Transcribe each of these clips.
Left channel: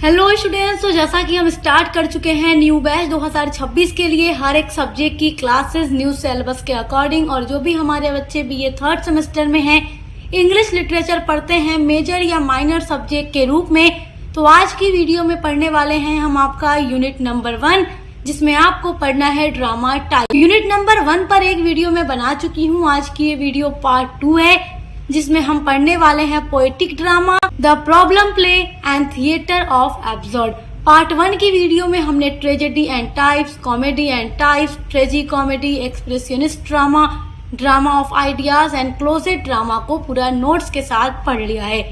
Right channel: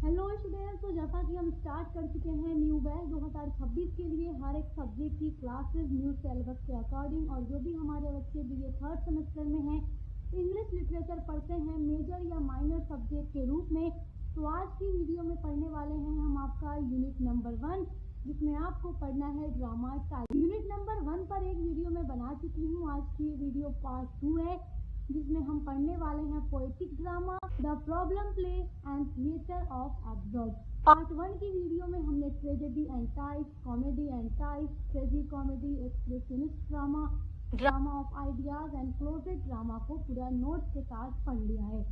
Hello students, तो जैसा कि हम स्टार्ट कर चुके हैं न्यू बैच 2026 के लिए हर एक सब्जेक्ट की क्लासेस न्यू सिलेबस के अकॉर्डिंग। और जो भी हमारे बच्चे बीए थर्ड सेमेस्टर में हैं, इंग्लिश लिटरेचर पढ़ते हैं मेजर या माइनर सब्जेक्ट के रूप में, तो आज की वीडियो में पढ़ने वाले हैं हम आपका यूनिट नंबर 1, जिसमें आपको पढ़ना है ड्रामा टाइप। यूनिट नंबर 1 पर एक वीडियो मैं बना चुकी हूँ। आज की ये वीडियो पार्ट 2 है, जिसमें हम पढ़ने वाले हैं poetic drama, the problem play and theatre of absurd. Part 1 की वीडियो में हमने tragedy and types, comedy and types, ट्रेजी comedy, expressionist drama, drama of ideas and closet drama को पूरा नोट्स के साथ पढ़ लिया है।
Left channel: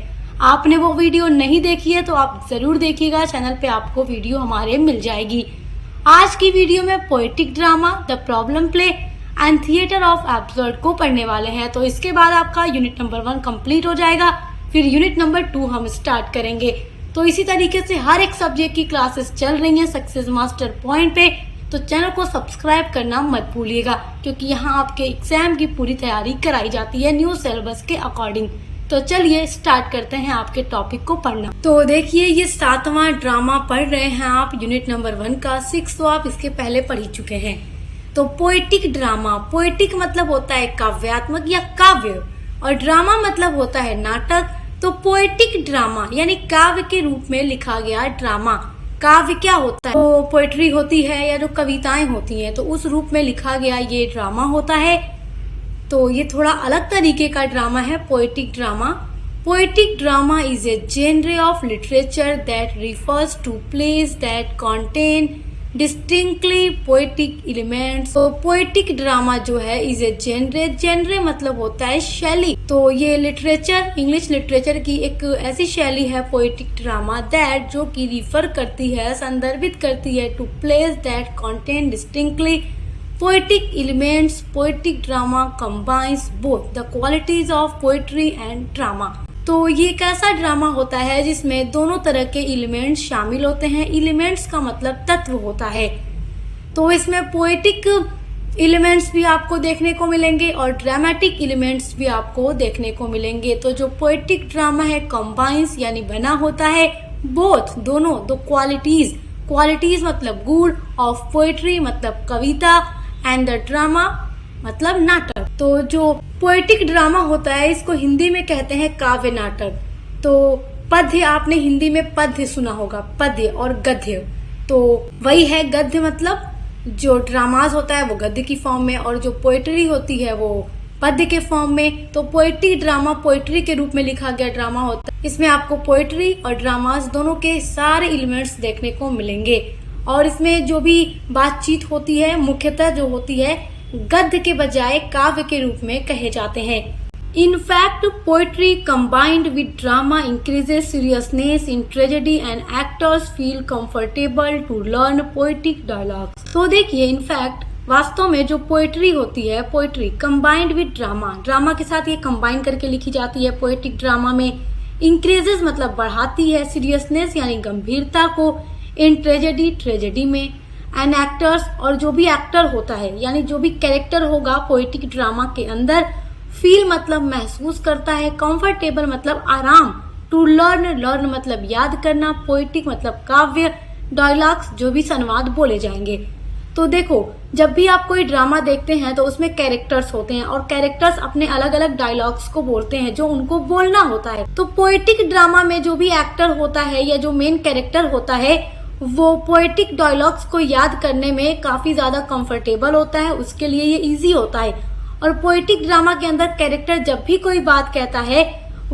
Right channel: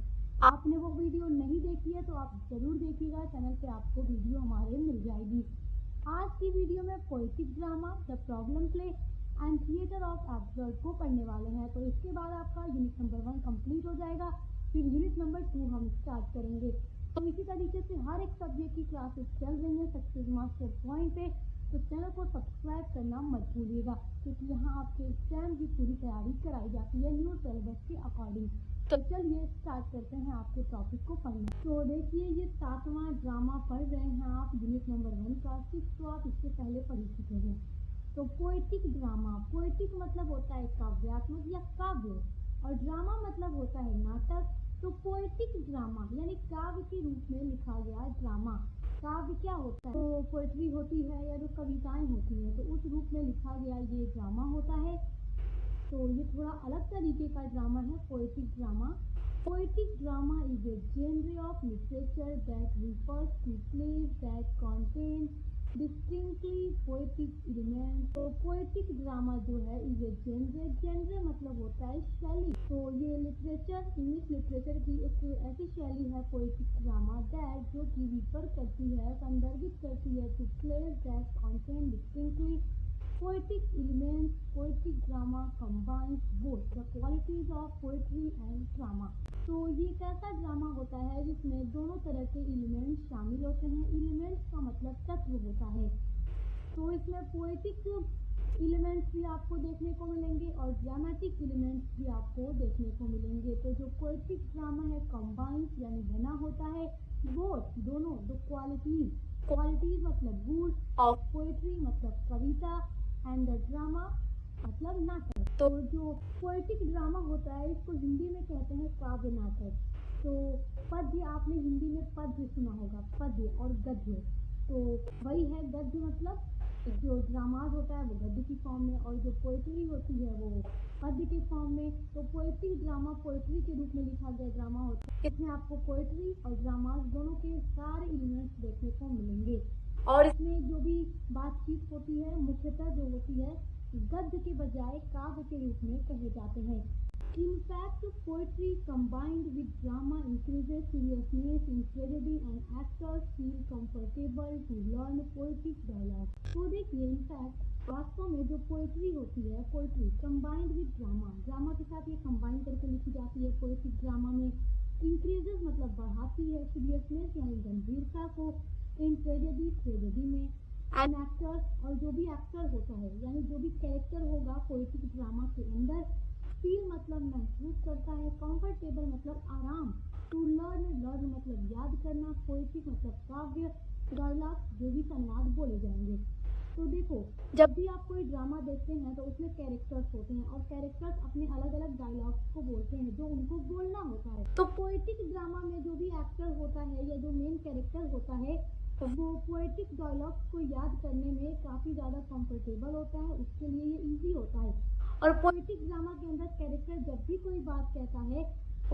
आपने वो वीडियो नहीं देखी है तो आप जरूर देखिएगा, चैनल पे आपको वीडियो हमारे मिल जाएगी। आज की वीडियो में poetic drama, the problem play and theatre of absurd को पढ़ने वाले हैं। तो इसके बाद आपका यूनिट नंबर 1 कंप्लीट हो जाएगा, फिर यूनिट नंबर 2 हम स्टार्ट करेंगे। तो इसी तरीके से हर एक सब्जेक्ट की क्लासेस चल रही हैं सक्सेस मास्टर पॉइंट पे, तो चैनल को सब्सक्राइब करना मत भूलिएगा, क्योंकि यहाँ आपके एग्जाम की पूरी तैयारी कराई जाती है न्यू सिलेबस के अकॉर्डिंग। तो चलिए स्टार्ट करते हैं आपके टॉपिक को पढ़ना। तो देखिए, ये 7वां ड्रामा पढ़ रहे हैं आप यूनिट नंबर 1 का। 6 तो आप इसके पहले पढ़ ही चुके हैं। तो पोएटिक ड्रामा, पोएटिक मतलब होता है काव्यात्मक या काव्य, और ड्रामा मतलब होता है नाटक। तो पोएटिक ड्रामा यानी काव्य के रूप में लिखा गया ड्रामा। काव्य क्या होता है? तो पोएट्री होती है या जो कविताएं होती हैं, तो उस रूप में लिखा गया ये ड्रामा होता है। तो ये थोड़ा अलग तरीके का ड्रामा है poetic drama. Poetic drama is a genre of literature that refers to plays that contain distinctly poetic elements. तो पोएटिक ड्रामा जो है इज ए जेनर मतलब होता है शैली। तो ये लिटरेचर, इंग्लिश लिटरेचर की एक ऐसी शैली है पोएटिक ड्रामा दैट, जो कि रिफर करती है, संदर्भित करती है to plays that contain distinctly poetic elements. Poetic drama combines both the qualities of poetry and drama. तो ये एक ऐसा ड्रामा होता है जिसमें दोनों तरह के एलिमेंट्स शामिल होते हैं। एलिमेंट्स का मतलब तत्व होता है। तो इसमें पोएटिक एलिमेंट्स भी आपको देखने को मिलेंगे और ड्रामेटिक एलिमेंट्स भी आपको देखने को मिलेंगे। तो जो पोएटिक ड्रामा है कंबाइंस यानी बना होता है बोथ, दोनों, दो क्वालिटीज। क्वालिटीज मतलब गुण, ऑफ पोएट्री मतलब कविता, एंड द ड्रामा मतलब नाटक। तो जो पोएटिक ड्रामा होता है इसको हिंदी में कहते हैं काव्य नाटक। तो पद्य, आपने हिंदी में पद्य सुना होगा, पद्य और गद्य, तो वही है। गद्य मतलब जो ड्रामाज होता है वो गद्य की फॉर्म में, और जो पोएट्री होती है वो पद्य के फॉर्म में। तो पोएटिक ड्रामा पोएट्री के रूप में लिखा गया ड्रामा होता है। इसमें आपको पोएट्री और ड्रामाज दोनों के सारे एलिमेंट्स देखने को मिलेंगे। और इसमें जो भी बातचीत होती है मुख्यतः जो होती है गद्य के बजाय काव्य के रूप में कहे जाते हैं। In fact, poetry combined with drama increases seriousness in tragedy and actors feel comfortable to learn poetic dialogues. तो देखिए, in fact, वास्तव में जो पोएट्री होती है, poetry combined with drama, drama के साथ ये कंबाइन करके लिखी जाती है पोएटिक ड्रामा में। इंक्रीजेस मतलब बढ़ाती है, सीरियसनेस यानी गंभीरता को, इन ट्रेजेडी, ट्रेजेडी में, एंड एक्टर्स, और जो भी एक्टर होता है यानी जो भी कैरेक्टर होगा पोएटिक ड्रामा के अंदर, फील मतलब महसूस करता है, कंफर्टेबल मतलब आराम, टू लर्न, लर्न मतलब याद करना, पोएटिक मतलब काव्य, डायलॉग्स जो भी संवाद बोले जाएंगे। तो देखो, जब भी आप कोई ड्रामा देखते हैं तो उसमें कैरेक्टर्स होते हैं और कैरेक्टर्स अपने अलग अलग डायलॉग्स को बोलते हैं जो उनको बोलना होता है। तो पोएटिक ड्रामा में जो भी एक्टर होता है या जो मेन कैरेक्टर होता है वो पोएटिक डायलॉग्स को याद करने में काफी ज्यादा कंफर्टेबल होता है, उसके लिए ये इजी होता है। और पोएटिक ड्रामा के अंदर कैरेक्टर जब भी कोई बात कहता है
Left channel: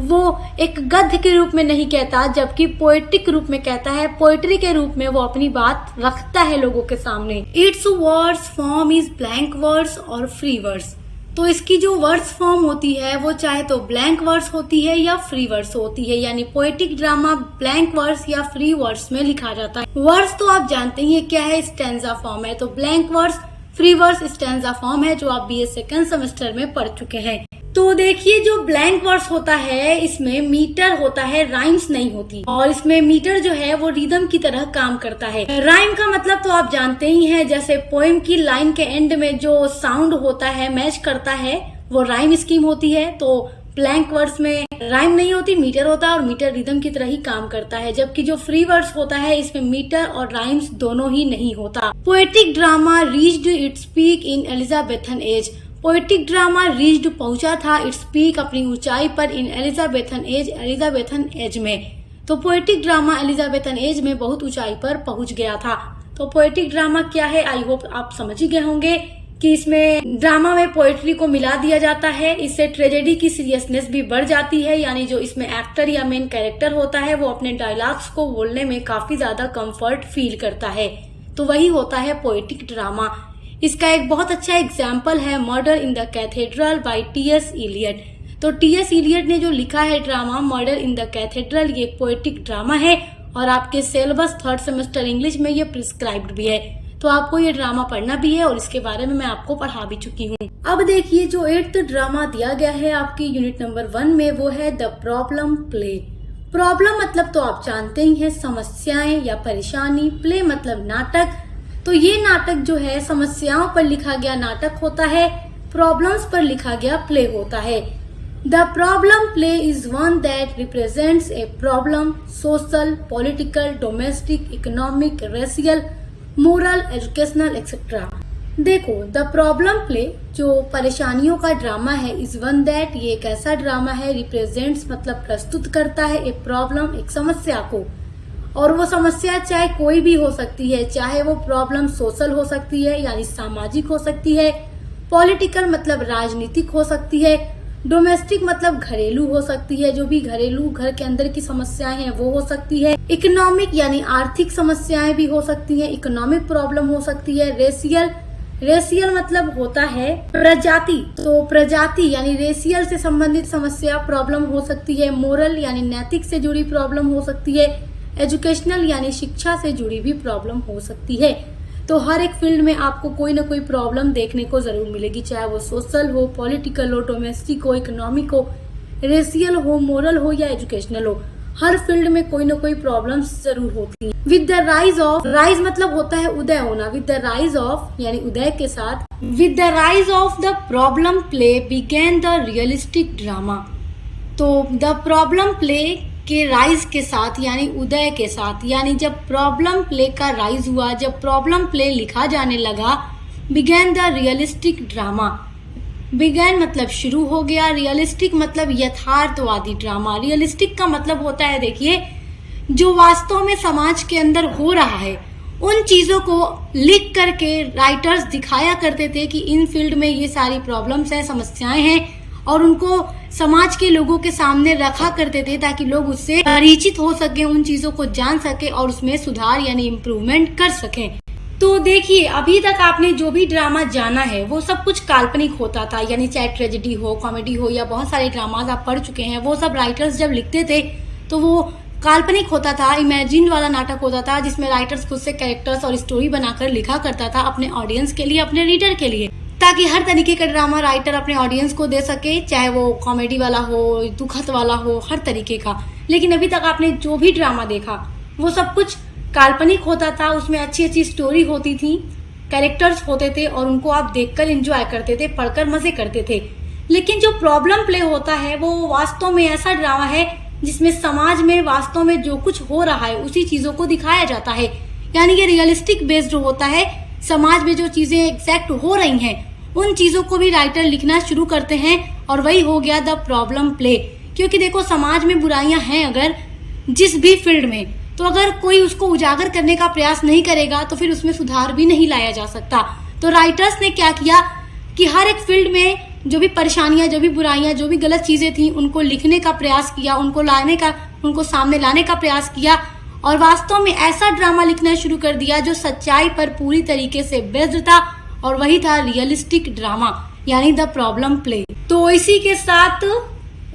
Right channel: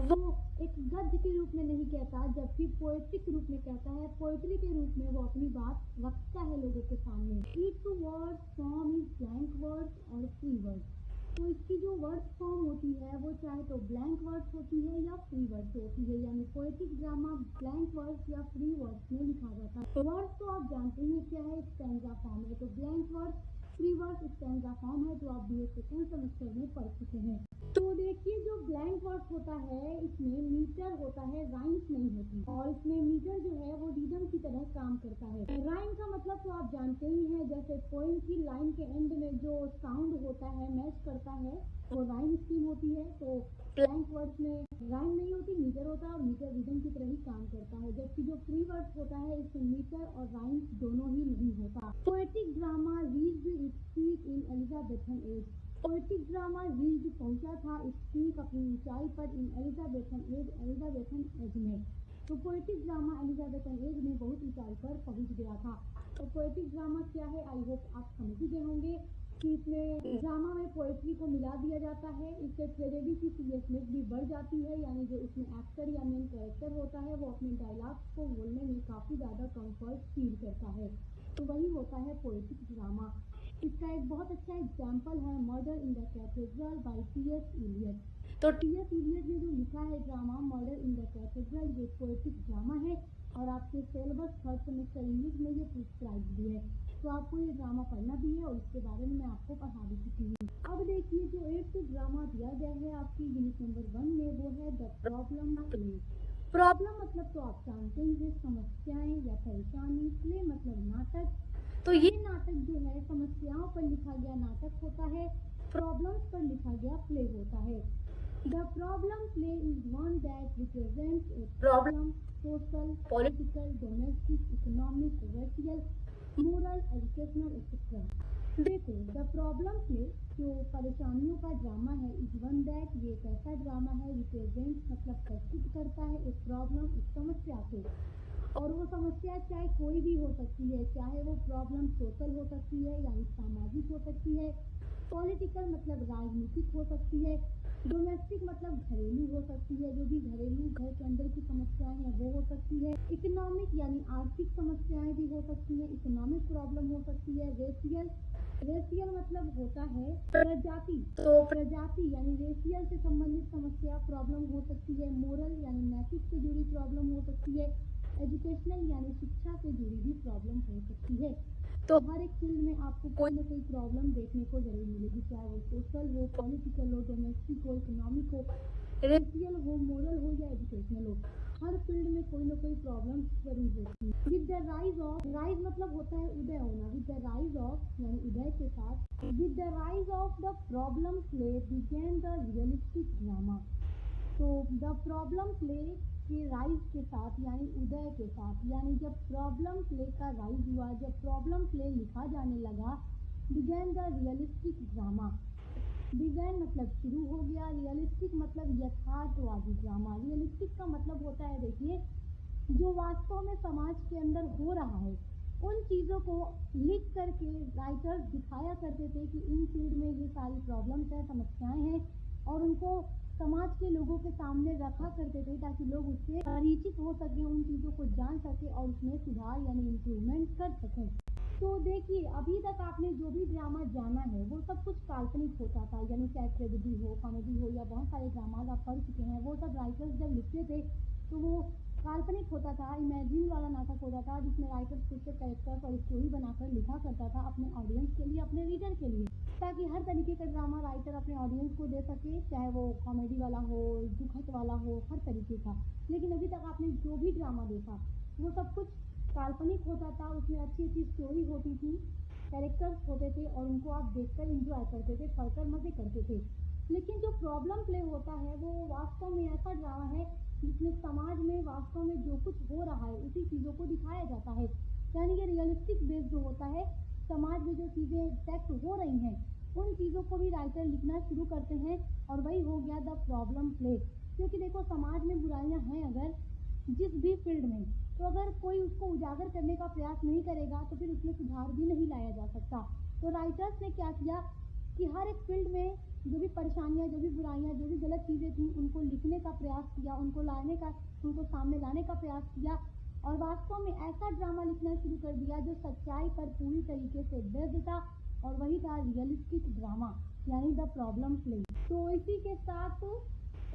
वो एक गद्य के रूप में नहीं कहता, जबकि पोएटिक रूप में कहता है, पोएट्री के रूप में वो अपनी बात रखता है लोगों के सामने। It's words form is blank words और फ्री वर्ड्स। तो इसकी जो वर्ड्स फॉर्म होती है वो चाहे तो ब्लैंक वर्ड्स होती है या फ्री वर्ड्स होती है, यानी पोएटिक ड्रामा ब्लैंक वर्ड्स या फ्री वर्ड्स में लिखा जाता है। वर्ड्स तो आप जानते ही क्या है, स्टैंजा फॉर्म है। तो blank words, free words stanza form है, जो आप बीए सेकंड सेमेस्टर में पढ़ चुके हैं। तो देखिए, जो ब्लैंक वर्ड्स होता है इसमें मीटर होता है, राइम्स नहीं होती। और इसमें मीटर जो है वो रिदम की तरह काम करता है। राइम का मतलब तो आप जानते ही हैं, जैसे पोएम की लाइन के एंड में जो साउंड होता है मैच करता है वो राइम स्कीम होती है। तो ब्लैंक वर्ड्स में राइम नहीं होती, मीटर होता है और मीटर रिदम की तरह ही काम करता है, जबकि जो फ्री वर्ड्स होता है इसमें मीटर और राइम्स दोनों ही नहीं होता। Poetic drama reached its peak in Elizabethan age. Poetic drama reached पहुंचा था इट्स पीक अपनी ऊंचाई पर इन एलिजाबेथन एज में। तो पोएटिक ड्रामा एलिजाबेथन एज में बहुत ऊंचाई पर पहुंच गया था। तो पोएटिक ड्रामा क्या है, आई होप आप समझ ही गए होंगे कि इसमें ड्रामा में पोएट्री को मिला दिया जाता है। इससे ट्रेजेडी की सीरियसनेस भी बढ़ जाती है, यानी जो इसमें एक्टर या मेन कैरेक्टर होता है वो अपने डायलॉग्स को बोलने में काफी ज्यादा कंफर्ट फील करता है। तो वही होता है पोएटिक ड्रामा। इसका एक बहुत अच्छा एग्जाम्पल है murder in the cathedral by T S. Eliot. तो टी.एस. इलियट ने जो लिखा है drama murder in the cathedral, ये पोएटिक ड्रामा है और आपके सिलेबस 3rd सेमेस्टर इंग्लिश में ये प्रिस्क्राइब्ड भी है। तो आपको ये ड्रामा पढ़ना भी है और इसके बारे में मैं आपको पढ़ा भी चुकी हूँ। अब देखिए जो 8th ड्रामा दिया गया है आपकी यूनिट नंबर 1 में, वो है द प्रॉब्लम प्ले। प्रॉब्लम मतलब तो आप जानते ही हैं, समस्याएं या परेशानी। प्ले मतलब नाटक। तो ये नाटक जो है समस्याओं पर लिखा गया नाटक होता है, प्रॉब्लम्स पर लिखा गया प्ले होता है। The problem play is one that represents a problem, social, political, domestic, economic, racial, moral, educational etcetera. देखो द प्रॉब्लम प्ले जो परेशानियों का ड्रामा है, इज वन दैट ये एक ऐसा ड्रामा है, रिप्रेजेंट्स मतलब प्रस्तुत करता है, ए प्रॉब्लम एक समस्या को। और वो समस्या चाहे कोई भी हो सकती है, चाहे वो प्रॉब्लम सोशल हो सकती है यानी सामाजिक हो सकती है, पॉलिटिकल मतलब राजनीतिक हो सकती है, डोमेस्टिक मतलब घरेलू हो सकती है, जो भी घरेलू घर के अंदर की समस्याएं हैं वो हो सकती है, इकोनॉमिक यानी आर्थिक समस्याएं भी हो सकती हैं, इकोनॉमिक प्रॉब्लम हो सकती है, रेशियल मतलब होता है प्रजाति, तो प्रजाति यानी रेशियल से संबंधित समस्या प्रॉब्लम हो सकती है, मोरल यानी नैतिक से जुड़ी प्रॉब्लम हो सकती है, एजुकेशनल यानी शिक्षा से जुड़ी भी प्रॉब्लम हो सकती है। तो हर एक फील्ड में आपको कोई ना कोई प्रॉब्लम देखने को जरूर मिलेगी, चाहे वो सोशल हो, पॉलिटिकल हो, डोमेस्टिक हो, इकोनॉमिक हो, रेशियल हो, मोरल हो या एजुकेशनल हो। हर फील्ड में कोई ना कोई प्रॉब्लम्स जरूर होती हैं। With the rise of, rise मतलब होता है उदय होना, विद द राइज ऑफ यानी उदय के साथ, with the rise of the problem play began the realistic drama. तो द प्रॉब्लम प्ले के राइज के साथ यानी उदय के साथ, यानी जब प्रॉब्लम प्ले का राइज हुआ, जब प्रॉब्लम प्ले लिखा जाने लगा, began the realistic drama. Began मतलब शुरू हो गया, रियलिस्टिक मतलब यथार्थवादी ड्रामा। रियलिस्टिक का मतलब होता है देखिए जो वास्तव में समाज के अंदर हो रहा है, उन चीजों को लिख करके राइटर्स दिखाया करते थे कि इन फील्ड में ये सारी प्रॉब्लम्स हैं, समस्याएं हैं, और उनको समाज के लोगों के सामने रखा करते थे ताकि लोग उससे परिचित हो सके, उन चीजों को जान सके और उसमें सुधार यानी इम्प्रूवमेंट कर सकें। तो देखिए अभी तक आपने जो भी ड्रामा जाना है वो सब कुछ काल्पनिक होता था, यानी चाहे ट्रेजेडी हो, कॉमेडी हो या बहुत सारे ड्रामाज आप पढ़ चुके हैं, वो सब राइटर्स जब लिखते थे तो वो काल्पनिक होता था, इमेजिन वाला नाटक होता था, जिसमें राइटर्स खुद से कैरेक्टर्स और स्टोरी बनाकर लिखा करता था अपने ऑडियंस के लिए, अपने रीडर के लिए, ताकि हर तरीके का ड्रामा राइटर अपने ऑडियंस को दे सके, चाहे वो कॉमेडी वाला हो, दुखद वाला हो, हर तरीके का। लेकिन अभी तक आपने जो भी ड्रामा देखा वो सब कुछ काल्पनिक होता था, उसमें अच्छी अच्छी स्टोरी होती थी, कैरेक्टर्स होते थे और उनको आप देखकर एंजॉय करते थे, पढ़कर मजे करते थे। लेकिन जो प्रॉब्लम प्ले होता है वो वास्तव में ऐसा ड्रामा है जिसमें समाज में वास्तव में जो कुछ हो रहा है उसी चीजों को दिखाया जाता है, यानी ये रियलिस्टिक बेस्ड होता है। समाज में जो चीजें एग्जैक्ट हो रही हैं उन चीजों को भी राइटर लिखना शुरू करते हैं और वही हो गया द प्रॉब्लम प्ले। क्योंकि देखो समाज में बुराइयां हैं अगर जिस भी फील्ड में, तो अगर कोई उसको उजागर करने का प्रयास नहीं करेगा तो फिर उसमें सुधार भी नहीं लाया जा सकता। तो राइटर्स ने क्या किया कि हर एक फील्ड में जो भी परेशानियां, जो भी बुराइयां, जो भी गलत चीजें थी उनको लिखने का प्रयास किया, उनको सामने लाने का प्रयास किया और वास्तव में ऐसा ड्रामा लिखना शुरू कर दिया जो सच्चाई पर पूरी तरीके से बेस्ड था, और वही था रियलिस्टिक ड्रामा यानी द प्रॉब्लम प्ले। तो इसी के साथ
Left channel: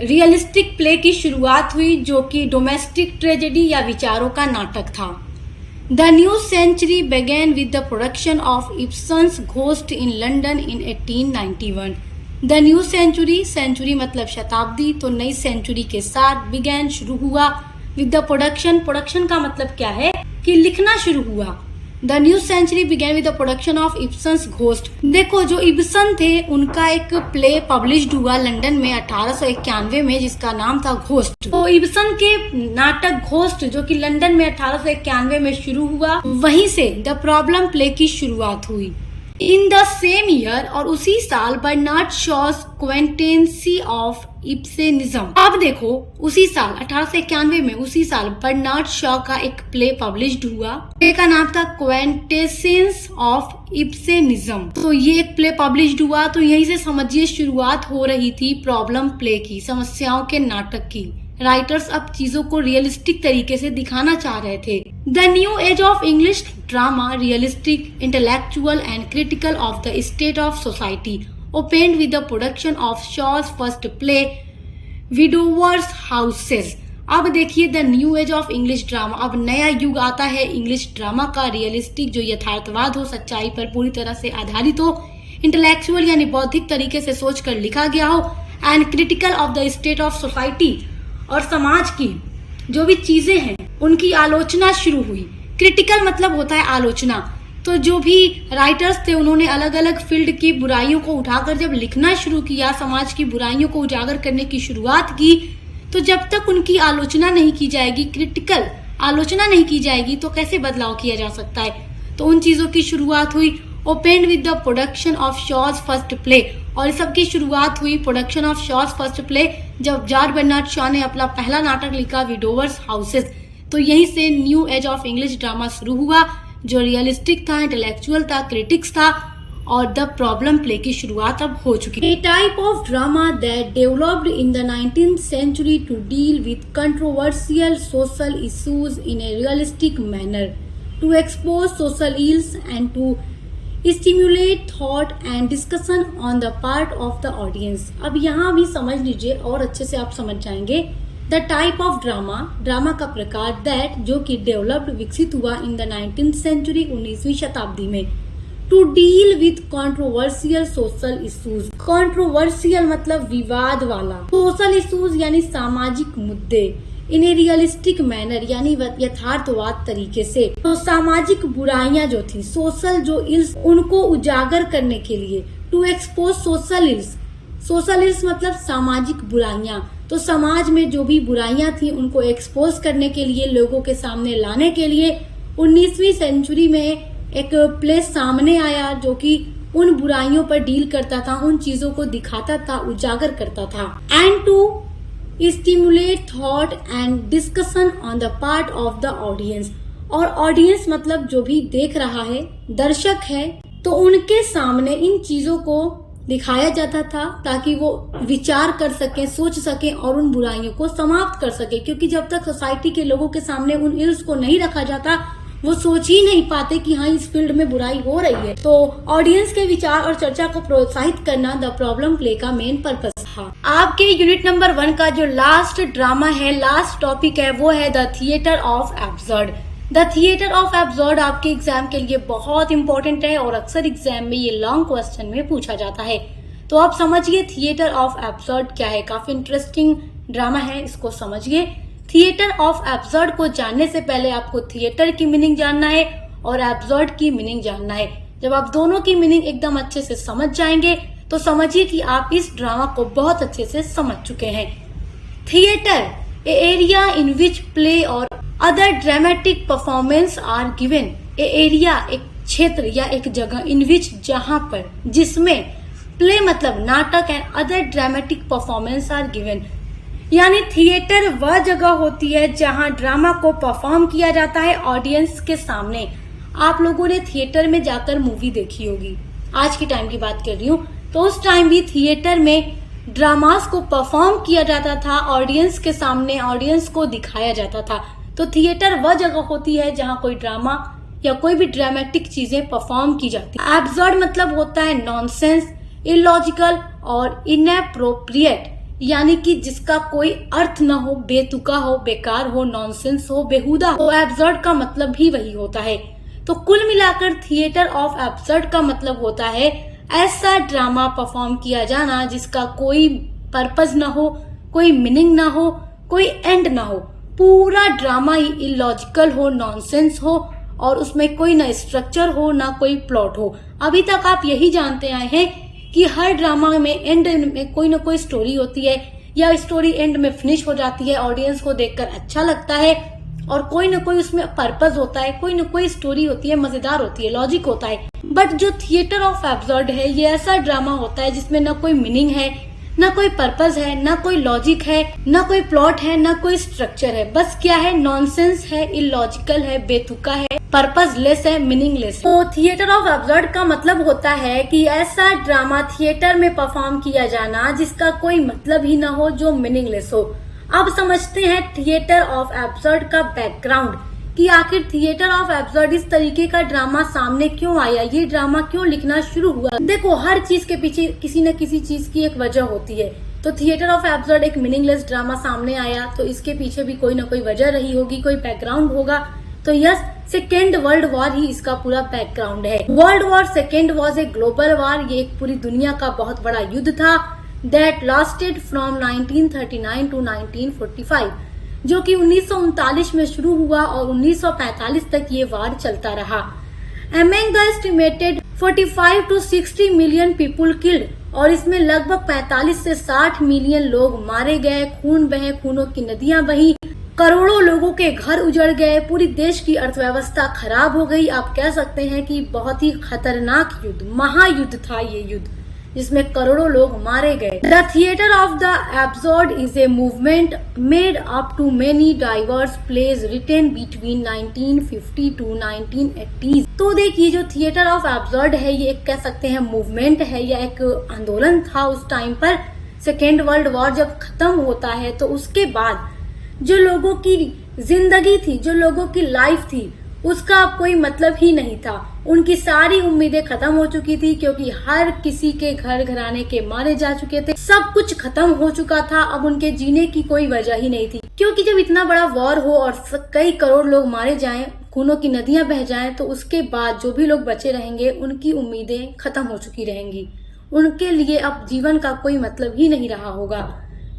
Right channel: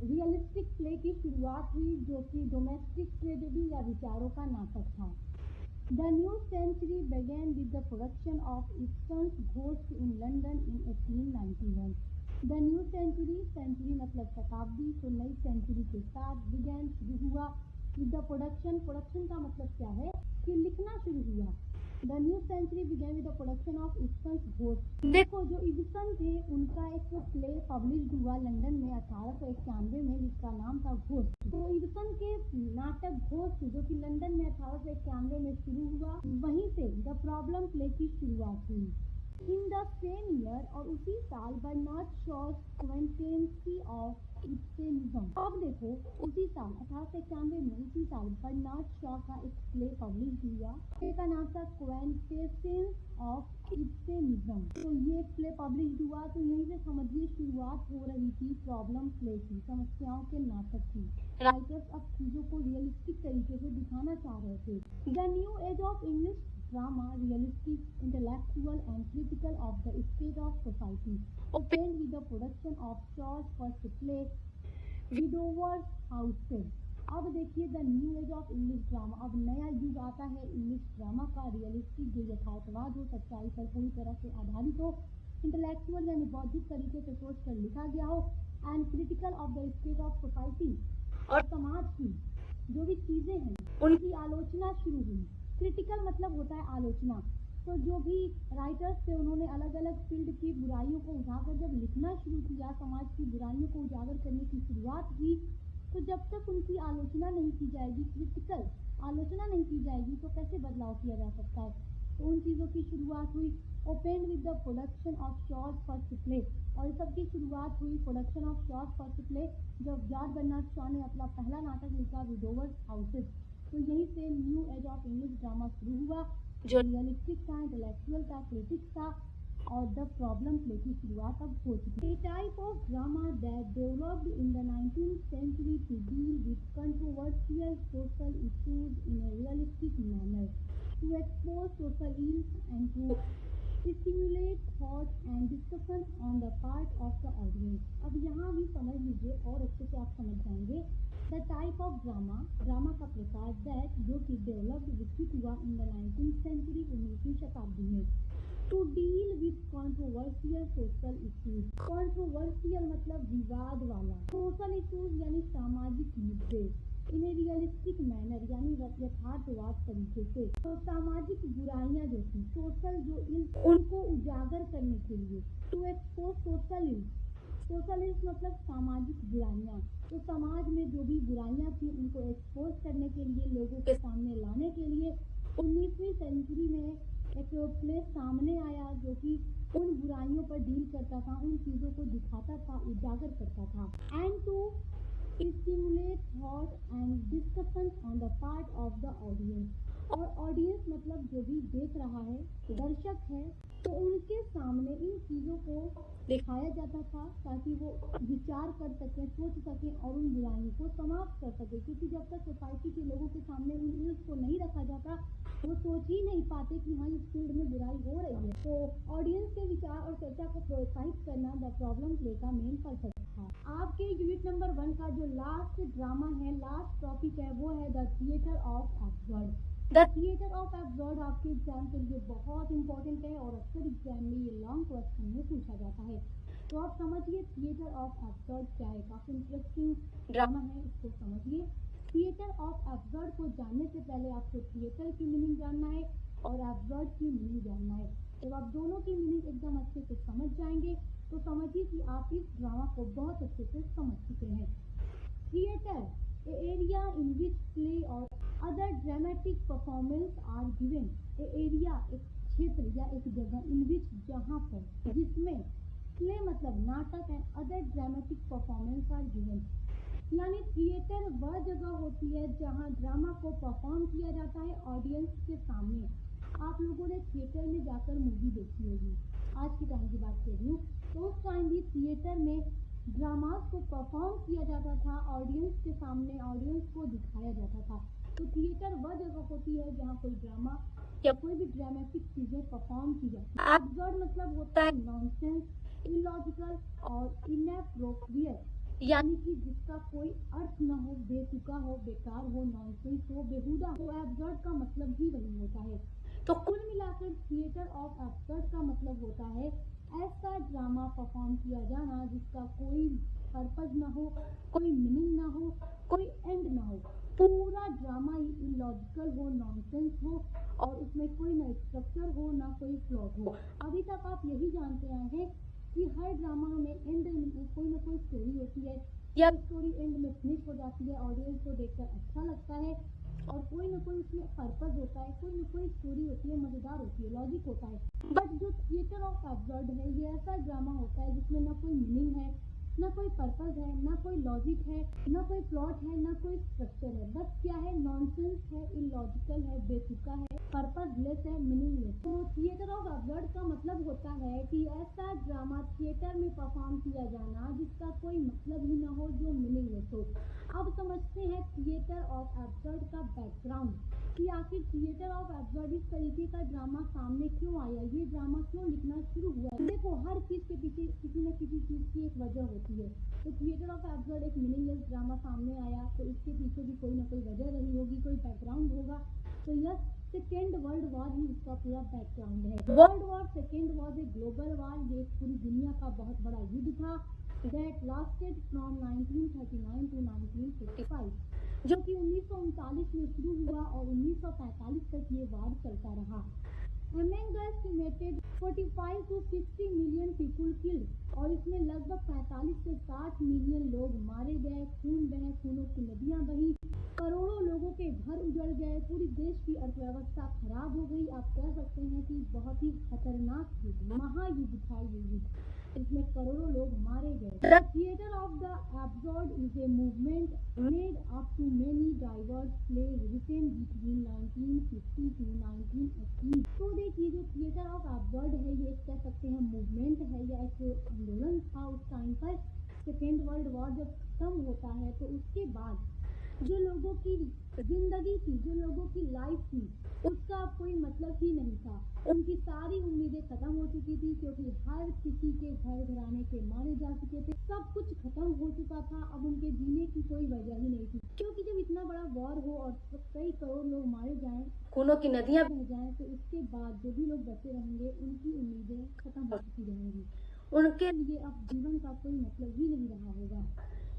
रियलिस्टिक प्ले की शुरुआत हुई जो कि डोमेस्टिक ट्रेजेडी या विचारों का नाटक था। The new century began with the production of Ibsen's Ghost in London in 1891। The new century मतलब शताब्दी, तो नई सेंचुरी के साथ began शुरू हुआ, विद द प्रोडक्शन का मतलब क्या है कि लिखना शुरू हुआ, the new century began with the production of Ibsen's Ghost. देखो जो इब्सन थे उनका एक प्ले पब्लिश्ड हुआ लंदन में 1891 में जिसका नाम था घोस्ट। तो इब्सन के नाटक घोस्ट जो कि लंदन में 1891 में शुरू हुआ, वहीं से द प्रॉब्लम प्ले की शुरुआत हुई। इन द सेम ईयर और उसी साल बर्नार्ड शॉज क्वेंटेंसी ऑफ इब्सेनिज्म। अब देखो उसी साल 1891 में उसी साल बर्नार्ड शॉ का एक प्ले पब्लिश्ड हुआ। प्ले का नाम था क्वेंटेसेंस ऑफ इब्सेनिज्म। तो ये एक प्ले पब्लिश्ड हुआ, तो यहीं से समझिए शुरुआत हो रही थी प्रॉब्लम प्ले की, समस्याओं के नाटक की। राइटर्स अब चीजों को रियलिस्टिक तरीके से दिखाना चाह रहे थे। The new age of English drama, realistic, intellectual and critical of the state of society, opened with the production of Shaw's first play, Widower's Houses। अब देखिए the new age of English drama, अब नया युग आता है English drama का, realistic जो यथार्थवाद हो, सच्चाई पर पूरी तरह से आधारित हो, इंटेलेक्चुअल यानी बौद्धिक तरीके से सोच कर लिखा गया हो, and critical of the state of society, और समाज की जो भी चीजें हैं उनकी आलोचना शुरू हुई। क्रिटिकल मतलब होता है आलोचना। तो जो भी राइटर्स थे उन्होंने अलग अलग फील्ड की बुराइयों को उठाकर जब लिखना शुरू किया, समाज की बुराइयों को उजागर करने की शुरुआत की, तो जब तक उनकी आलोचना नहीं की जाएगी, क्रिटिकल आलोचना नहीं की जाएगी, तो कैसे बदलाव किया जा सकता है। तो उन चीजों की शुरुआत हुई। Opened with the production of shows first play, और इस सब की शुरुआत हुई production of shows first play जब जॉर्ज बर्नार्ड शॉ ने अपना पहला नाटक लिखा विडोवर्स हाउसेस। तो यहीं से new age of English drama शुरू हुआ जो रियलिस्टिक था, इंटेलेक्चुअल था, क्रिटिक्स था, और द प्रॉब्लम प्ले की शुरुआत अब हो चुकी है। A type of drama that developed in the 19th century to deal with controversial social issues in a realistic manner, to expose social ills and to stimulate thought and discussion on the part of the audience। अब यहाँ भी समझ लीजिए और अच्छे से आप समझ जाएंगे। The type of drama, drama का प्रकार, दैट जो कि डेवलप्ड विकसित हुआ इन द 19th सेंचुरी 19वीं शताब्दी में, to deal with controversial social issues. Controversial मतलब विवाद वाला, सोशल इश्यूज यानी सामाजिक मुद्दे, इन ए रियलिस्टिक मैनर यानी यथार्थवाद तरीके से। तो सामाजिक बुराइयां जो थी, सोशल जो इल्स, उनको उजागर करने के लिए, to expose social ills. Social ills मतलब सामाजिक बुराइयां। तो समाज में जो भी बुराइयां थी उनको एक्सपोज करने के लिए, लोगों के सामने लाने के लिए 19वीं सेंचुरी में एक प्ले सामने आया जो कि उन बुराइयों पर डील करता था, उन चीजों को दिखाता था, उजागर करता था। And to stimulate thought and discussion on the part of the audience, और ऑडियंस मतलब जो भी देख रहा है, दर्शक है, तो उनके सामने इन चीजों को दिखाया जाता था ताकि वो विचार कर सके, सोच सके और उन बुराइयों को समाप्त कर सके। क्योंकि जब तक सोसाइटी के लोगों के सामने उन इल्स को नहीं रखा जाता, वो सोच ही नहीं पाते कि हाँ इस फील्ड में बुराई हो रही है। तो ऑडियंस के विचार और चर्चा को प्रोत्साहित करना द प्रॉब्लम प्ले का मेन पर्पस था। आपके यूनिट नंबर 1 का जो लास्ट ड्रामा है, लास्ट टॉपिक है, वो है the theatre of absurd. The theatre of absurd आपके एग्जाम के लिए बहुत इंपॉर्टेंट है और अक्सर एग्जाम में ये लॉन्ग क्वेश्चन में पूछा जाता है। तो आप समझिए थिएटर ऑफ एब्सर्ड क्या है। काफी इंटरेस्टिंग ड्रामा है, इसको समझिए। थिएटर ऑफ एब्सर्ड को जानने से पहले आपको थिएटर की मीनिंग जानना है और एब्सर्ड की मीनिंग जानना है। जब आप दोनों की मीनिंग एकदम अच्छे से समझ जाएंगे तो समझिए कि आप इस ड्रामा को बहुत अच्छे से समझ चुके हैं। Theatre, a area in which play और other dramatic performance are given. A area एक क्षेत्र या एक जगह, इन विच जहां पर, जिसमें, प्ले मतलब नाटक and other dramatic performance are given, यानी थिएटर वह जगह होती है जहां ड्रामा को परफॉर्म किया जाता है ऑडियंस के सामने। आप लोगों ने थिएटर में जाकर मूवी देखी होगी, आज के टाइम की बात कर रही हूँ, तो उस टाइम भी थिएटर में ड्रामास को परफॉर्म किया जाता था ऑडियंस के सामने, ऑडियंस को दिखाया जाता था। तो थिएटर वह जगह होती है जहां कोई ड्रामा या कोई भी ड्रामेटिक चीजें परफॉर्म की जाती है। एब्सर्ड मतलब होता है नॉनसेंस, इलॉजिकल और इनएप्रोप्रिएट, यानी कि जिसका कोई अर्थ न हो, बेतुका हो, बेकार हो, नॉनसेंस हो, बेहुदा हो। एब्सर्ड का मतलब भी वही होता है। तो कुल मिलाकर थिएटर ऑफ एब्सर्ड का मतलब होता है ऐसा ड्रामा परफॉर्म किया जाना जिसका कोई पर्पस न हो, कोई मीनिंग ना हो, कोई एंड ना हो, पूरा ड्रामा ही इलॉजिकल हो, नॉनसेंस हो और उसमें कोई ना स्ट्रक्चर हो ना कोई प्लॉट हो। अभी तक आप यही जानते आए हैं कि हर ड्रामा में एंड में कोई ना कोई स्टोरी होती है या स्टोरी एंड में फिनिश हो जाती है, ऑडियंस को देखकर अच्छा लगता है और कोई ना कोई उसमें पर्पस होता है, कोई ना कोई स्टोरी होती है, मजेदार होती है, लॉजिक होता है। बट जो थिएटर ऑफ एब्सर्ड है ये ऐसा ड्रामा होता है जिसमें ना कोई मीनिंग है, ना कोई पर्पस है, ना कोई लॉजिक है, ना कोई प्लॉट है, ना कोई स्ट्रक्चर है। बस क्या है, नॉनसेंस है, इलॉजिकल है, बेतुका है, पर्पसलेस है, मीनिंगलेस। तो थिएटर ऑफ एब्सर्ड का मतलब होता है कि ऐसा ड्रामा थिएटर में परफॉर्म किया जाना जिसका कोई मतलब ही ना हो, जो मीनिंगलेस हो। अब समझते हैं थिएटर ऑफ एब्सर्ड का बैकग्राउंड कि आखिर थिएटर ऑफ एब्सर्ड इस तरीके का ड्रामा सामने क्यों आया, ये ड्रामा क्यों लिखना शुरू हुआ। देखो, हर चीज के पीछे किसी न किसी चीज की एक वजह होती है। तो थिएटर ऑफ एब्सर्ड एक मीनिंगलेस ड्रामा सामने आया तो इसके पीछे भी कोई ना कोई वजह रही होगी, कोई बैकग्राउंड होगा। तो यस, सेकेंड वर्ल्ड वॉर ही इसका पूरा बैकग्राउंड है। World war second was a global war, ये एक पूरी दुनिया का बहुत बड़ा युद्ध था that lasted from 1939 to 1945, जो कि 1939 में शुरू हुआ और 1945 तक ये वार चलता रहा। Among the estimated 45 to 60 million people killed, और इसमें लगभग 45 से 60 मिलियन लोग मारे गए, खून बहे, खूनों की नदियां बही, करोड़ों लोगों के घर उजड़ गए, पूरी देश की अर्थव्यवस्था खराब हो गई। आप कह सकते हैं कि बहुत ही खतरनाक युद्ध, महायुद्ध था ये युद्ध, जिसमें करोड़ों लोग मारे गए। The theatre of the absurd is a movement made up to many diverse plays written between 1950 to 1980। तो देखिए, जो थिएटर ऑफ एब्सर्ड है ये एक कह सकते हैं मूवमेंट है या एक आंदोलन था उस टाइम पर। सेकेंड वर्ल्ड वॉर जब खत्म होता है तो उसके बाद जो लोगों की जिंदगी थी, जो लोगों की लाइफ थी, उसका अब कोई मतलब ही नहीं था। उनकी सारी उम्मीदें खत्म हो चुकी थी क्योंकि हर किसी के घर घराने के मारे जा चुके थे, सब कुछ खत्म हो चुका था। अब उनके जीने की कोई वजह ही नहीं थी, क्योंकि जब इतना बड़ा वॉर हो और कई करोड़ लोग मारे जाएं, खूनों की नदियां बह जाएं, तो उसके बाद जो भी लोग बचे रहेंगे उनकी उम्मीदें खत्म हो चुकी रहेंगी। उनके लिए अब जीवन का कोई मतलब ही नहीं रहा होगा।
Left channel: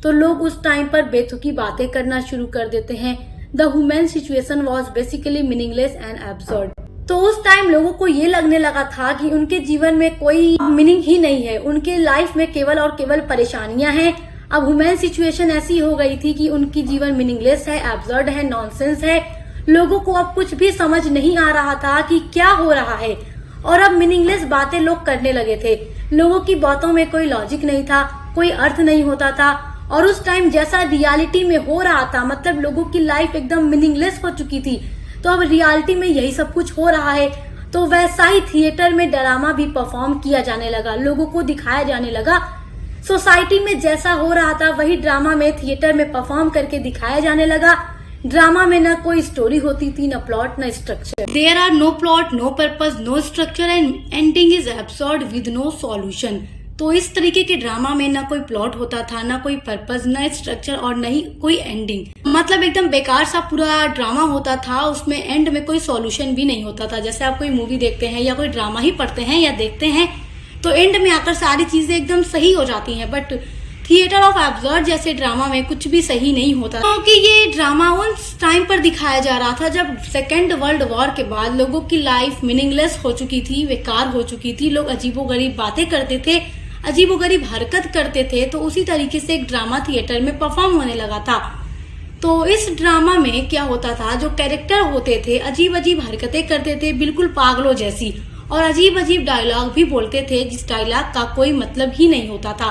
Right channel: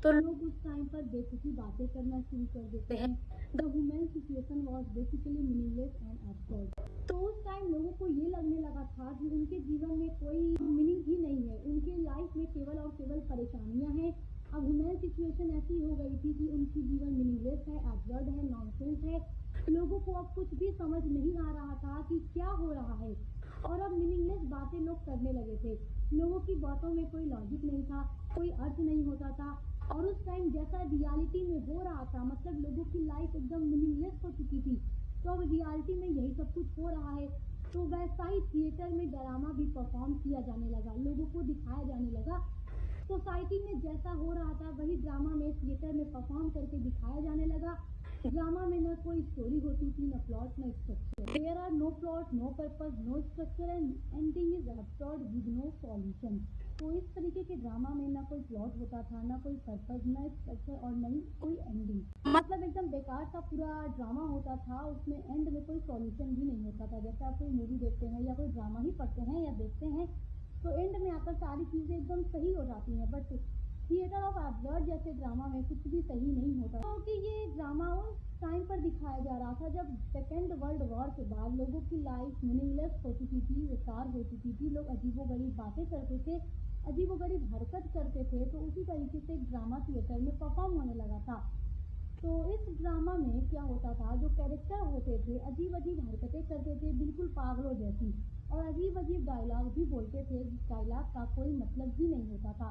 तो लोग उस टाइम पर बेतुकी बातें करना शुरू कर देते हैं। The human situation was basically meaningless and absurd. तो उस टाइम लोगों को ये लगने लगा था कि उनके जीवन में कोई मीनिंग ही नहीं है, उनके लाइफ में केवल और केवल परेशानियां हैं। अब ह्यूमन सिचुएशन ऐसी हो गई थी कि उनकी जीवन मीनिंगलेस है, एब्सर्ड है, नॉनसेंस है। लोगों को अब कुछ भी समझ नहीं आ रहा था कि क्या हो रहा है, और अब मीनिंगलेस बातें लोग करने लगे थे। लोगों की बातों में कोई लॉजिक नहीं था, कोई अर्थ नहीं होता था। और उस टाइम जैसा रियलिटी में हो रहा था, मतलब लोगों की लाइफ एकदम मीनिंगलेस हो चुकी थी, तो अब रियलिटी में यही सब कुछ हो रहा है। तो वैसा ही थिएटर में ड्रामा भी परफॉर्म किया जाने लगा, लोगों को दिखाया जाने लगा। सोसाइटी में जैसा हो रहा था वही ड्रामा में थिएटर में परफॉर्म करके दिखाया जाने लगा। ड्रामा में न कोई स्टोरी होती थी, न प्लॉट, न structure. There are no plot, no purpose, no structure and ending is absurd with no solution. तो इस तरीके के ड्रामा में ना कोई प्लॉट होता था, ना कोई पर्पस, ना स्ट्रक्चर और न ही कोई एंडिंग। मतलब एकदम बेकार सा पूरा ड्रामा होता था, उसमें एंड में कोई सॉल्यूशन भी नहीं होता था। जैसे आप कोई मूवी देखते हैं या कोई ड्रामा ही पढ़ते हैं या देखते हैं तो एंड में आकर सारी चीजें एकदम सही हो जाती हैं, बट थिएटर ऑफ एब्सर्ड जैसे ड्रामा में कुछ भी सही नहीं होता, क्योंकि ये ड्रामा उस टाइम पर दिखाया जा रहा था जब सेकेंड वर्ल्ड वॉर के बाद लोगों की लाइफ मीनिंगलेस हो चुकी थी, बेकार हो चुकी थी। लोग अजीबोगरीब बातें करते थे, अजीबोगरीब हरकत करते थे। तो उसी तरीके से एक ड्रामा थिएटर में परफॉर्म होने लगा था। तो इस ड्रामा में क्या होता था, जो कैरेक्टर होते थे अजीब अजीब हरकतें करते थे, बिल्कुल पागलों जैसी, और अजीब अजीब डायलॉग भी बोलते थे जिस डायलॉग का कोई मतलब ही नहीं होता था।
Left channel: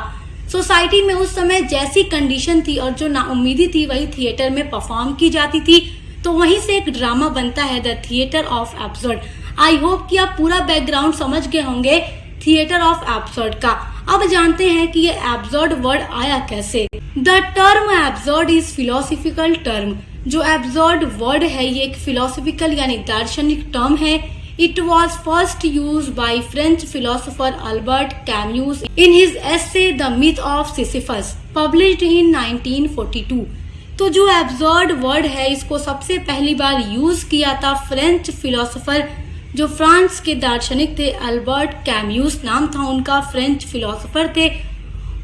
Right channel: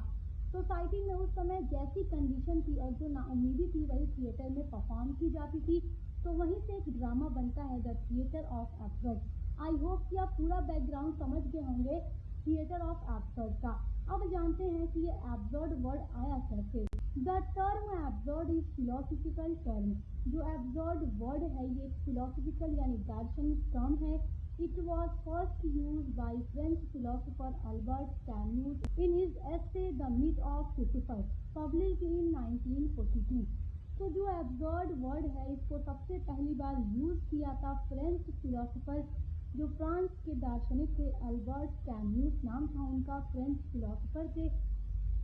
सोसाइटी में उस समय जैसी कंडीशन थी और जो नाउम्मीदी थी वही थिएटर में परफॉर्म की जाती थी। तो वहीं से एक ड्रामा बनता है the theatre of absurd. I hope कि आप पूरा बैकग्राउंड समझ गए होंगे थिएटर ऑफ एब्सर्ड का। अब जानते हैं कि ये एब्सर्ड वर्ड आया कैसे। The term absurd is philosophical term. जो एब्सर्ड वर्ड है ये एक फिलोसफिकल यानी दार्शनिक टर्म है। It was first use by French philosopher Albert Camus in his essay the myth of Sisyphus published in 1942। तो जो एब्सर्ड वर्ड है इसको सबसे पहली बार यूज किया था फ्रेंच फिलोसोफर, जो फ्रांस के दार्शनिक थे, अल्बर्ट कैम्यूस नाम था उनका, फ्रेंच फिलोसोफर थे।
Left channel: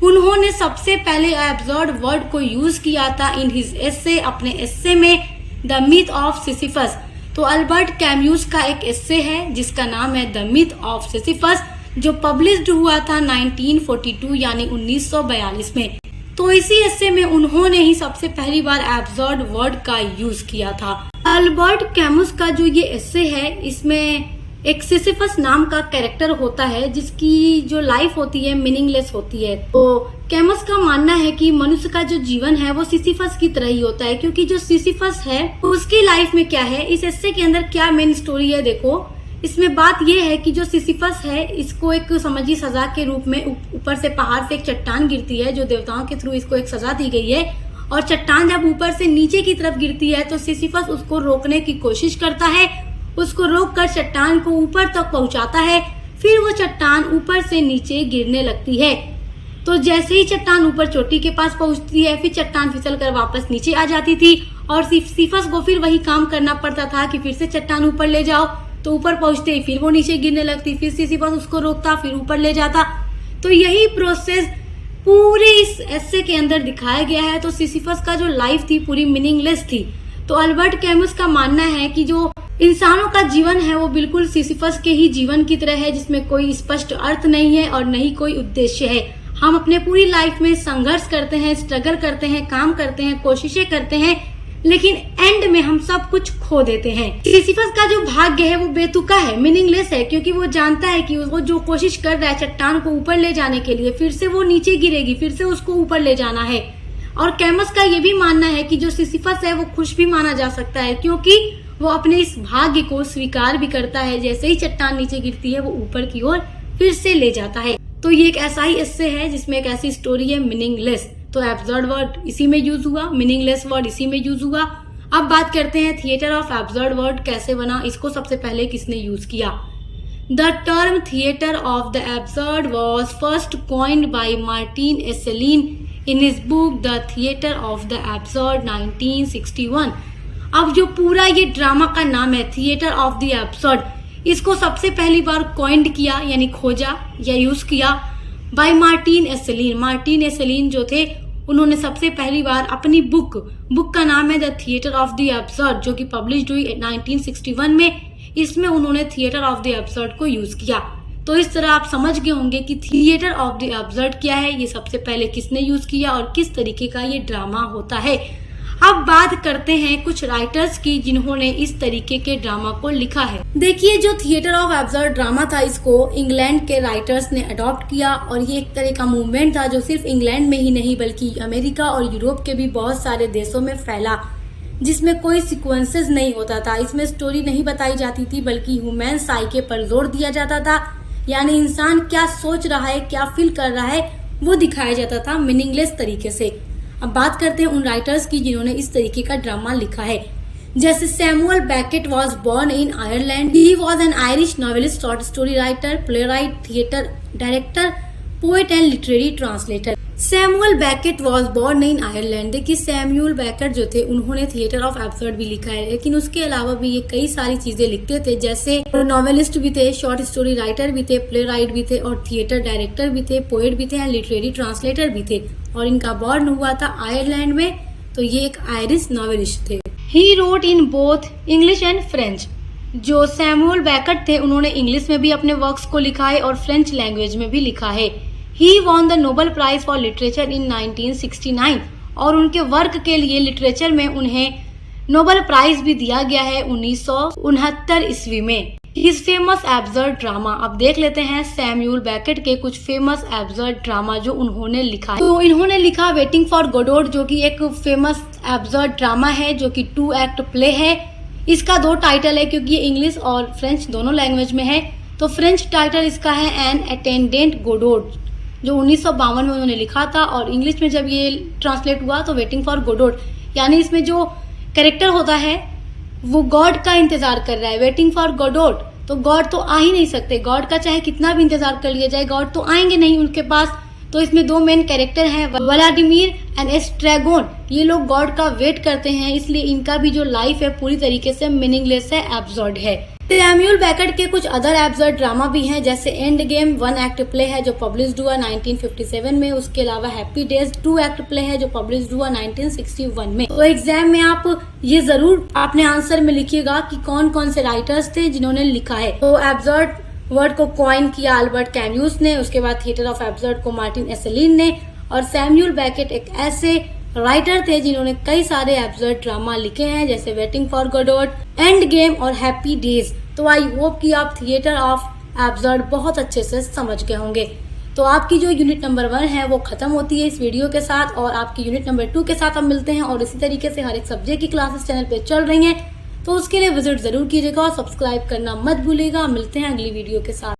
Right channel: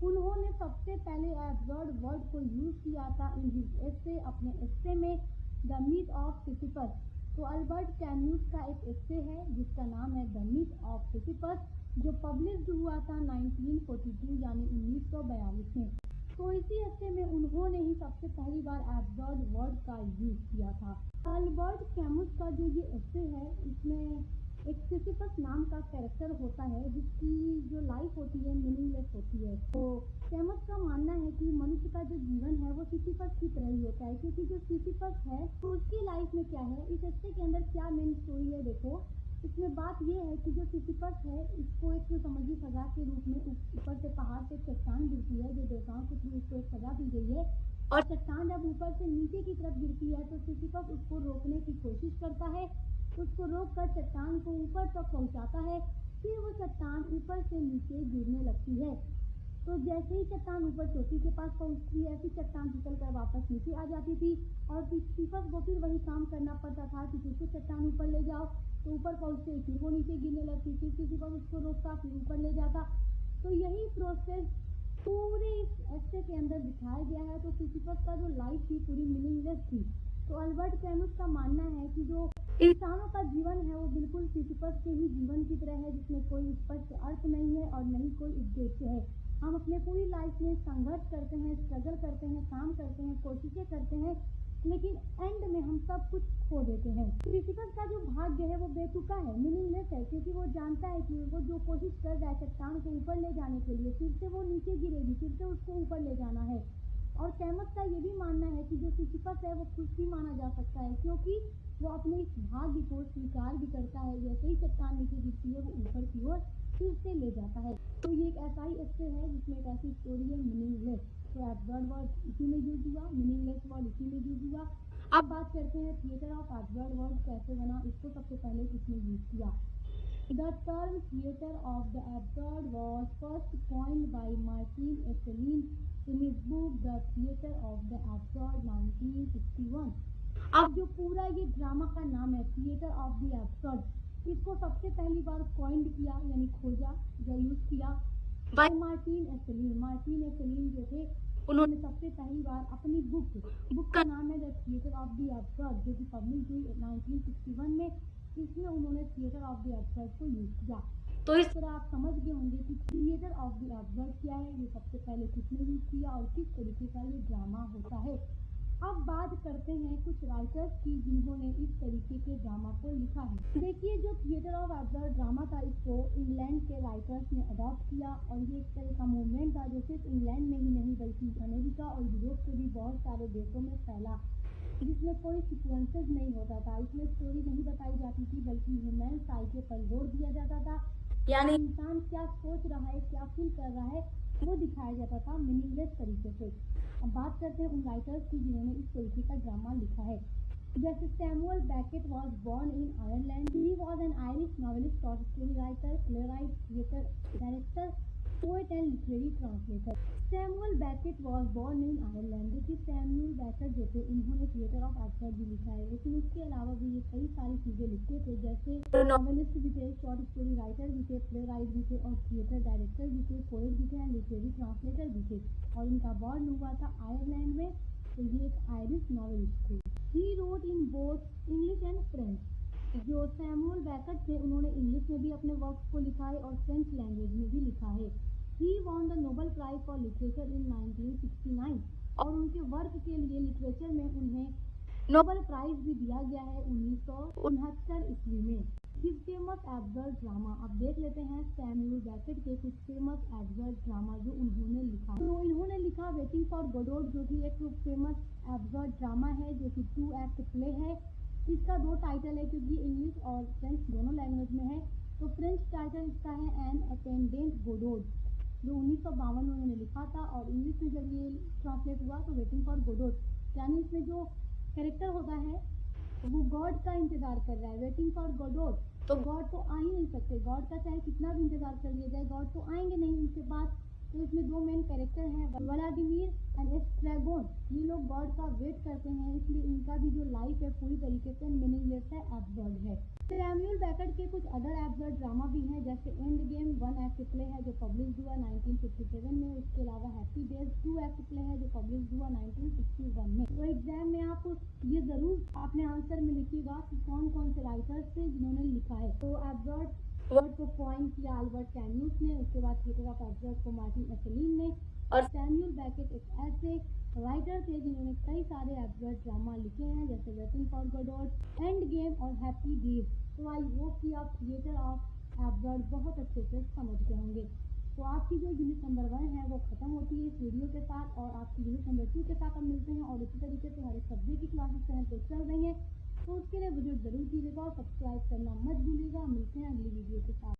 उन्होंने सबसे पहले एब्सर्ड वर्ड को यूज किया था इन हिज एसे, अपने एसे में द मिथ ऑफ सिसिफस। तो अल्बर्ट कैम्यूस का एक एस्से है जिसका नाम है द मिथ ऑफ सिसिफस, जो पब्लिश्ड हुआ था 1942 यानी 1942 में। तो इसी एस्से में उन्होंने ही सबसे पहली बार एब्सर्ड वर्ड का यूज किया था। अल्बर्ट कैम्यूस का जो ये एस्से है, इसमें एक सिसिफस नाम का कैरेक्टर होता है जिसकी जो लाइफ होती है मीनिंगलेस होती है। तो कैम्यूस का मानना है कि मनुष्य का जो जीवन है वो सिसिफस की तरह ही होता है, क्योंकि जो सिसिफस है उसकी लाइफ में क्या है, इस एस्से के अंदर क्या मेन स्टोरी है। देखो, इसमें बात यह है कि जो सिसिफस है इसको एक समझी सजा के रूप में ऊपर से पहाड़ से एक चट्टान गिरती है, जो देवताओं के थ्रू इसको एक सजा दी गई है। और चट्टान जब ऊपर से नीचे की तरफ गिरती है तो सिसिफस उसको रोकने की कोशिश करता है, उसको रोककर चट्टान को ऊपर तक पहुंचाता है। फिर वो चट्टान ऊपर से नीचे गिरने लगती है। तो जैसे ही चट्टान ऊपर चोटी के पास पहुंचती है, फिर चट्टान फिसल कर वापस नीचे आ जाती थी और सिसिफस को फिर वही काम करना पड़ता था कि फिर से चट्टान ऊपर ले जाओ। तो ऊपर पहुंचते ही फिर वो नीचे गिरने लगती, फिर सिसिफस उसको रोकता, फिर ऊपर ले जाता। तो यही प्रोसेस पूरे इस एस्से के अंदर दिखाया गया है। तो सिसिफस का जो लाइफ थी पूरी मीनिंगलेस थी। तो अल्बर्ट कैम्यूस का मानना है कि जो इंसानों का जीवन है वो बिल्कुल सिसिफस के ही जीवन की तरह है, जिसमें कोई स्पष्ट अर्थ नहीं है और नहीं कोई उद्देश्य है। हम अपने पूरी लाइफ में संघर्ष करते हैं, स्ट्रगल करते हैं, काम करते हैं, कोशिशें करते हैं, लेकिन एंड में हम सब कुछ खो देते हैं। सिसिफस का जो भाग्य है वो बेतुका है, मीनिंगलेस है, क्योंकि वो जानता है कि वो जो कोशिश कर रहा है चट्टान को ऊपर ले जाने के लिए, फिर से वो नीचे गिरेगी, फिर से उसको ऊपर ले जाना है। और कैम्यूस का ये भी मानना है कि जो सिसिफस है वो खुश भी माना जा सकता है, क्योंकि वो अपने इस भाग्य को स्वीकार भी करता है। जैसे ही चट्टान नीचे गिरती है वो ऊपर की ओर फिर से ले जाता है। तो ये एक ऐसा ही एस्से है जिसमें एक ऐसी स्टोरी है मीनिंगलेस। तो एब्सर्ड वर्ड इसी में यूज हुआ, मीनिंगलेस वर्ड इसी में यूज हुआ। अब बात करते हैं थिएटर ऑफ एब्सर्ड वर्ड कैसे बना, इसको सबसे पहले किसने यूज किया। The term theatre of the absurd was first coined by Martin Esslin in his book the theatre of the absurd 1961। अब जो पूरा ये ड्रामा का नाम है थिएटर ऑफ द एब्सर्ड, इसको सबसे पहली बार कॉइन्ड किया यानी खोजा या यूज किया बाय मार्टिन एसेलिन। मार्टिन एसेलिन जो थे उन्होंने सबसे पहली बार अपनी बुक का नाम है the theatre of the absurd, जो कि पब्लिश्ड हुई 1961 में। इसमें उन्होंने थिएटर ऑफ द एब्सर्ड को यूज किया। तो इस तरह आप समझ गए होंगे कि थिएटर ऑफ द एब्सर्ड क्या है, ये सबसे पहले किसने यूज किया और किस तरीके का ये ड्रामा होता है। अब बात करते हैं कुछ राइटर्स की जिन्होंने इस तरीके के ड्रामा को लिखा है। देखिए, जो थिएटर ऑफ एब्सर्ड ड्रामा था इसको इंग्लैंड के राइटर्स ने अडॉप्ट किया और ये एक तरह का मूवमेंट था जो सिर्फ इंग्लैंड में ही नहीं बल्कि अमेरिका और यूरोप के भी बहुत सारे देशों में फैला, जिसमें कोई सीक्वेंसेस नहीं होता था। इसमें स्टोरी नहीं बताई जाती थी बल्कि ह्यूमन साइके पर जोर दिया जाता था, यानी इंसान क्या सोच रहा है, क्या फील कर रहा है वो दिखाया जाता था मीनिंगलेस तरीके से। अब बात करते हैं उन राइटर्स की जिन्होंने इस तरीके का ड्रामा लिखा है। जैसे Samuel Beckett was born in Ireland. He was an Irish novelist, short story writer, playwright, theatre director, poet and literary translator. Samuel Beckett was born in Ireland. देखिए, सैमुअल बेकेट जो थे उन्होंने थिएटर ऑफ एब्सर्ड भी लिखा है, लेकिन उसके अलावा भी ये कई सारी चीजें लिखते थे। जैसे नॉवेलिस्ट भी थे, शॉर्ट स्टोरी राइटर भी थे, प्लेराइट भी थे और थिएटर डायरेक्टर भी थे, पोएट भी थे एंड लिटरेरी ट्रांसलेटर भी थे। और इनका बॉर्न हुआ था आयरलैंड में। तो ये एक आयरिश नॉवेलिस्ट थे। He wrote in both English and French. जो सैमुअल बेकेट थे उन्होंने इंग्लिश में भी अपने वर्क्स को लिखा है और फ्रेंच लैंग्वेज में भी लिखा है। He won the Nobel Prize for Literature in 1969 और उनके वर्क के लिए लिटरेचर में उन्हें नोबेल प्राइज भी दिया गया है 1969 ईस्वी में। His famous absurd drama. अब देख लेते हैं सैमुअल बेकेट के कुछ फेमस एब्सर्ड ड्रामा जो उन्होंने लिखा है। तो इन्होंने लिखा वेटिंग फॉर गोडोट, जो कि एक फेमस एब्सर्ड ड्रामा है जो कि 2 एक्ट प्ले है। इसका 2 टाइटल है क्योंकि ये इंग्लिश और फ्रेंच दोनों लैंग्वेज में है। तो फ्रेंच टाइटल इसका है एन अटेंडेंट गोडोट, जो 1952 में उन्होंने लिखा था। और इंग्लिश में जब ये ट्रांसलेट हुआ तो वेटिंग फॉर गोडोट, यानी इसमें जो कैरेक्टर होता है वो गॉड का इंतजार कर रहा है। वेटिंग फॉर गोडोट, तो गॉड तो आ ही नहीं सकते, गॉड का चाहे कितना भी इंतजार कर लिया जाए गॉड तो आएंगे नहीं उनके पास। तो इसमें 2 मेन कैरेक्टर हैं, व्लादिमीर एंड एस्ट्रेगोन। ये लोग गॉड का वेट करते हैं, इसलिए इनका भी जो लाइफ है पूरी तरीके से मीनिंगलेस है, एब्सर्ड है। सैमुअल बेकेट के कुछ अदर एब्सर्ड ड्रामा भी हैं, जैसे एंड गेम 1 एक्ट प्ले है जो पब्लिश्ड हुआ 1957 में। उसके अलावा हैप्पी डेज 2 एक्ट प्ले है जो पब्लिश्ड हुआ 1961 में। तो एग्जाम में आप ये जरूर अपने आंसर में लिखिएगा कि कौन कौन से राइटर्स थे जिन्होंने लिखा है। तो एब्सर्ड वर्ड को कॉइन किया अल्बर्ट कैम्यूस ने, उसके बाद थिएटर ऑफ एब्सर्ड को मार्टिन एसेलिन ने, और सैमुअल बेकेट एक ऐसे राइटर थे जिन्होंने कई सारे एब्सर्ड ड्रामा लिखे हैं, जैसे waiting for Godot, end game और हैप्पी डेज। तो आई होप कि आप थिएटर ऑफ एब्सर्ड बहुत अच्छे से समझ गए होंगे। तो आपकी जो यूनिट नंबर 1 है वो खत्म होती है इस वीडियो के साथ, और आपकी यूनिट नंबर 2 के साथ हम मिलते हैं। और इसी तरीके से हर एक सब्जेक्ट की क्लासेस चैनल पे चल रही हैं, तो उसके लिए विजिट जरूर कीजिएगा और सब्सक्राइब करना मत भूलिएगा। मिलते हैं अगली वीडियो के साथ।